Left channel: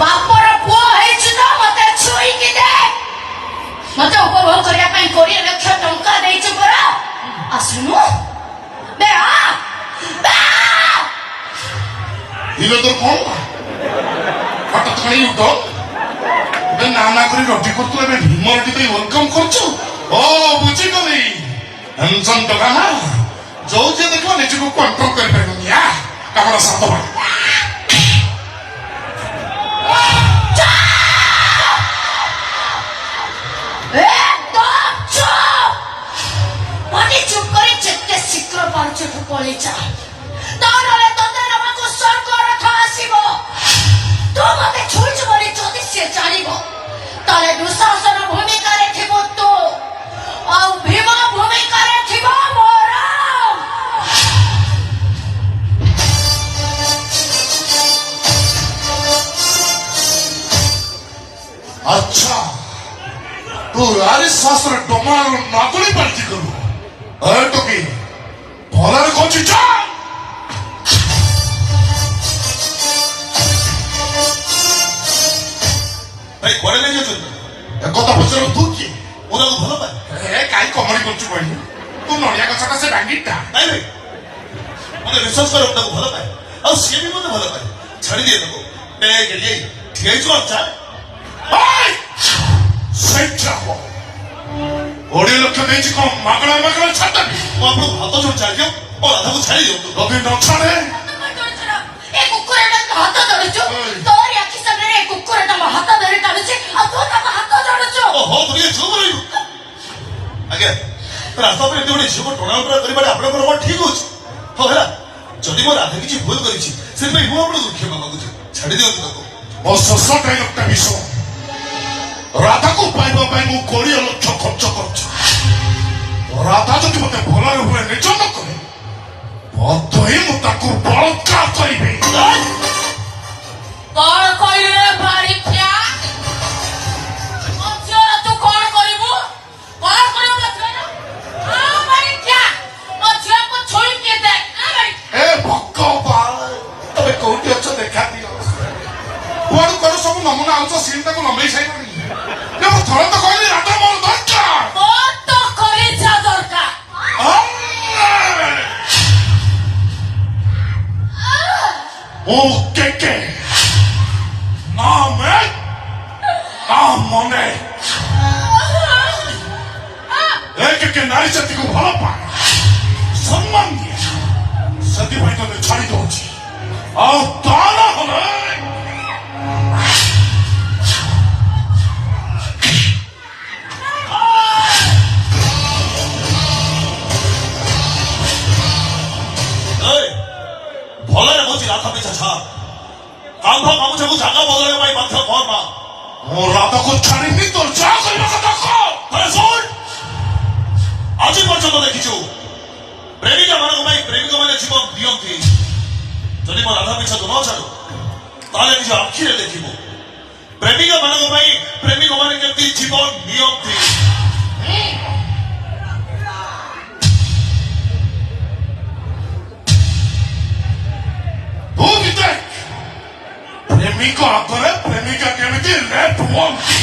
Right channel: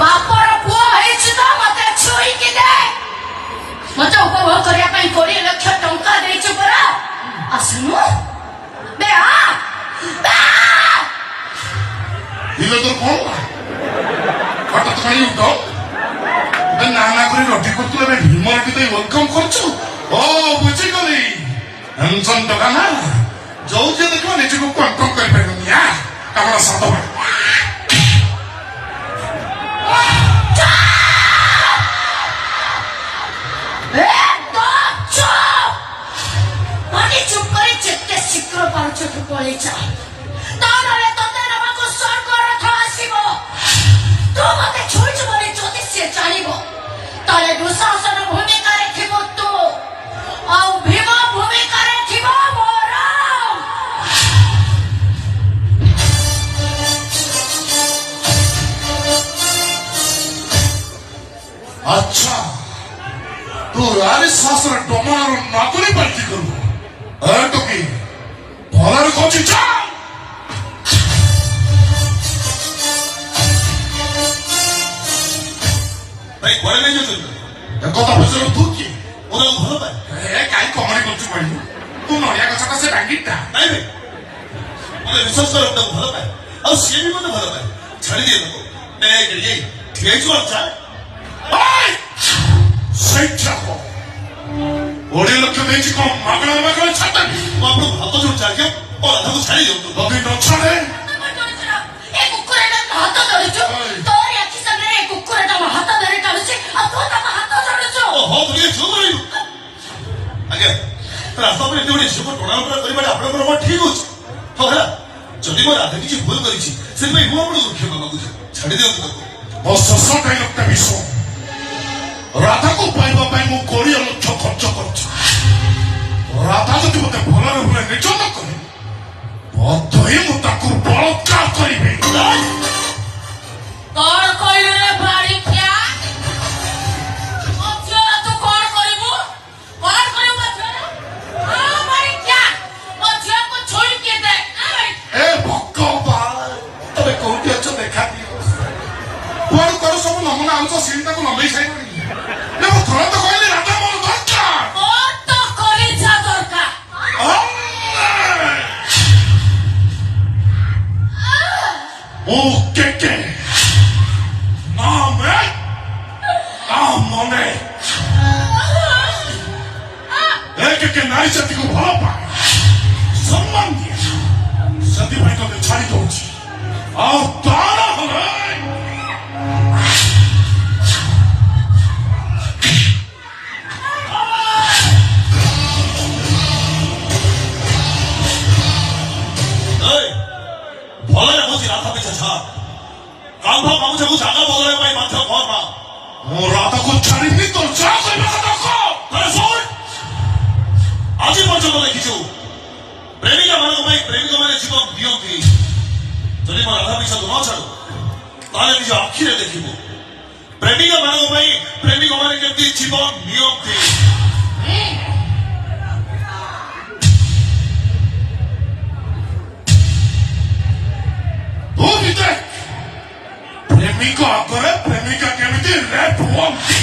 ବାପର ପୁଅ ହେଇଛି ତ ମତେ ଛୁଇଁକି ଦେ। ମତେ ଉପଭୋଗ କରିବା ପାଇଁ 20 ଲକ୍ଷ ଟଙ୍କା ଦେଇଛୁ ପରା। ଆସୁନୁ ବେ ଇଏ ତ କଣ ହଠାତ୍ କାହିଁ ଉଠ ଏବେ ନା କରି ରଟି କରୁଛୁ ଏବେ ଭୀମର ଟିକେ ୱେଲକମ୍ କରୁଛୁ। ଓ ବୁଝିଗଲି ଟେନସନ ଟଙ୍କା ନା ଯୋଉ ଯିଏ ଦେଖିବ ନିଜକୁ କଣ୍ଟ୍ରୋଲ କରିପାରିବନି। ଆପଣ ସାତ ଚୁପ୍ କରି ଯେତେ ଶୀଘ୍ର ପାରୁଛଠୁ ପଳେଇ ଯା। ନହେଲେ ତତେ ନେବାକୁ ସ୍ୱର୍ଗ ରଥ ଆସିବ। ତୁ ମତେ ଛୁଇଁଛୁ ବୋଲି ଯଦି ସେ ଜାଣିବ ତାହେଲେ ଦୁଃଶାସନ ଭୂମିକାରେ ଥିବ ତୁ ଆଉ ଭୀମ ଭୂମିକାରେ ଥିବ ମୋର। ଆଚ୍ଛା ତୁ ଆରି ଶାସ୍ତ୍ର ଡମାର ନାତୁଣୀ ପାର୍ଟି କରୁ ଟୋକି ଭଲରେ କହୁଛି ଚା ଭାଇ କୁଆଡେ ନେଇ ଯାଉଛନ୍ତି? କଥା ପଚାରୁ ତୁ କିଏ ମୁଁ ତାକୁ ଭଲ ପାଏ। କାହିଁ କମେଡି କରୁଛୁ କହିଲୁ ତୁ ନଡ଼ିଆ ଗଛଟା ସେ ଡାଙ୍ଗିଟା ନାଇଁ ଭାଇ ମତେ ବିଶ୍ୱାସ କର ମୁଁ ତାକୁ ଭଲ ପାଏ ଆଉ ସିଏ ବି ମତେ ଭଲ ପାଏ। ଛାଡି ଦିଏ ତାକୁ ଠିଆ ହେଇଛୁ ଆଉ ଚାଲ 20 ଲକ୍ଷ ଦେଇଛି କଣ ମାଗଣା ମାଗଣା ଛାଡିଦେବି। ମୁଁ ଆପଣଙ୍କୁ ହାତ ଯୋଉ ଚାଲିଦିଅ ମୋ ରାଧାକୁ ଛାଡି ଦିଅନ୍ତୁ। ଯଦି ନ ଛାଡେ ଏ କୁକୁରଟା ହାତ ଧରୁଛୁ। ତୋରି ଆଖି ସାମ୍ନାରେ ଏ କୁକୁରଟା ମୋ ହାତ ଧରି ଟାଣୁଛି ଆଉ ତୁ ତାକୁ ହାତ ଧରୁଛୁ। ଓହୋ ତୁମେ ଝିଅ କରିବୁ ଆଜ୍ଞା ରାସ୍ତା ଉପରେ ଏତେ ଗୋଟେ ଝିଅକୁ ଟଣାଉଟରା କରିବାରେ ଆପଣଙ୍କର କଣ ଠିକ ଅଛି? ହଉ ହେଲା ଯଦି ମୋ ରାଧା କିଛି ଭୁଲ କରିଛି ସେଥିପାଇଁ ମୁଁ ଆପଣଙ୍କୁ କ୍ଷମା ମାଗୁଛି। ଛାଡି ଦିଅନ୍ତୁ ତାକୁ। ମୋ ଶେଷ ଡାଇଲଗଟା ବିଷ ରାଧାକୁ ପାଇବା ପାଇଁ ମୁଁ 20 ଲକ୍ଷ ଖର୍ଚ୍ଚ କରୁଛି। ରାଧା ଯଦି ମତେ ଭଲରେ ଭୁଲେ ନିର୍ଯାତନ କରେ ବଧ ହିଁ ମୁଁ ତାକୁ ବଳତ୍କାର କରିବି। କଣ କହିଲୁ ରେ ବାରିଖିଆ? ତୁ କଣ କରିବୁ? କଣ କରିବୁ ବାରିଖିଆ? ମୋ ଝିଅକୁ ଛୁଇଁକି ଦେ। ଏ ଭଗବାନ ତମେ କୋଉଠି ଅଛ ଦେଖା ଦିଅ। କୁଆଡୁ କୁଆଡୁ ସବୁ ନମୁନା ଆଣୁଛ ସିଲିଟାକୁ ଲମ୍ବେଇ ସାରିଲାଣି। ମୁଁ ଥରେ ତ କହିଲି ରାଧା ମୋର ଦରକାର। ମୋର ତ କରିଛା ଦରକାର। କେକେ ନା ମେ ନା ମନେ କେକେ ନାରୀ ଜାତିକୁ ଭଲ ପାଏ ସମ୍ମାନ ଦିଏ ସେଥିପାଇଁ ତତେ ଛାଡି ଦଉଛି। ଆଉ ତାର ହେଲେ ଭଲରେ କହୁଛି ରାଧା ପିଛା ଛାଡ। କାନ୍ଧ ଗାମୁଛାକୁ ଜାଗା ବଦଳାଇବା ପାଇଁ ବାଧ୍ୟ କର ନା। ମୁଁ ରାଧାକୁ ଛାଡ଼ିବି ତ ଯାହା କରିବା କଥା କହ। ଶୁଣ ଆଜି ପର୍ଯ୍ୟନ୍ତ ଦେଖିଛୁ ପ୍ରେମିକା ମାନଙ୍କ ପାଇଁ ପ୍ରେମିକ ମାନେ ଜୀବନ ଦିଅନ୍ତି। ଯଦି ମୋ ରାଧା ପିଛାକୁ ନ ଛାଡୁ ତାହେଲେ ନିଜ ଆଖିରେ ଦେଖିବୁ ପ୍ରେମିକା ମାନଙ୍କ ପାଇଁ ପ୍ରେମିକ ମାନେ କେମିତି ଜୀବନ ନିଅନ୍ତି। ତୁ ବି ଦେଖ ପ୍ରେମିକ ଆଗରେ ପ୍ରେମିକା କେମିତି ରେପ୍ ହୁଅନ୍ତି।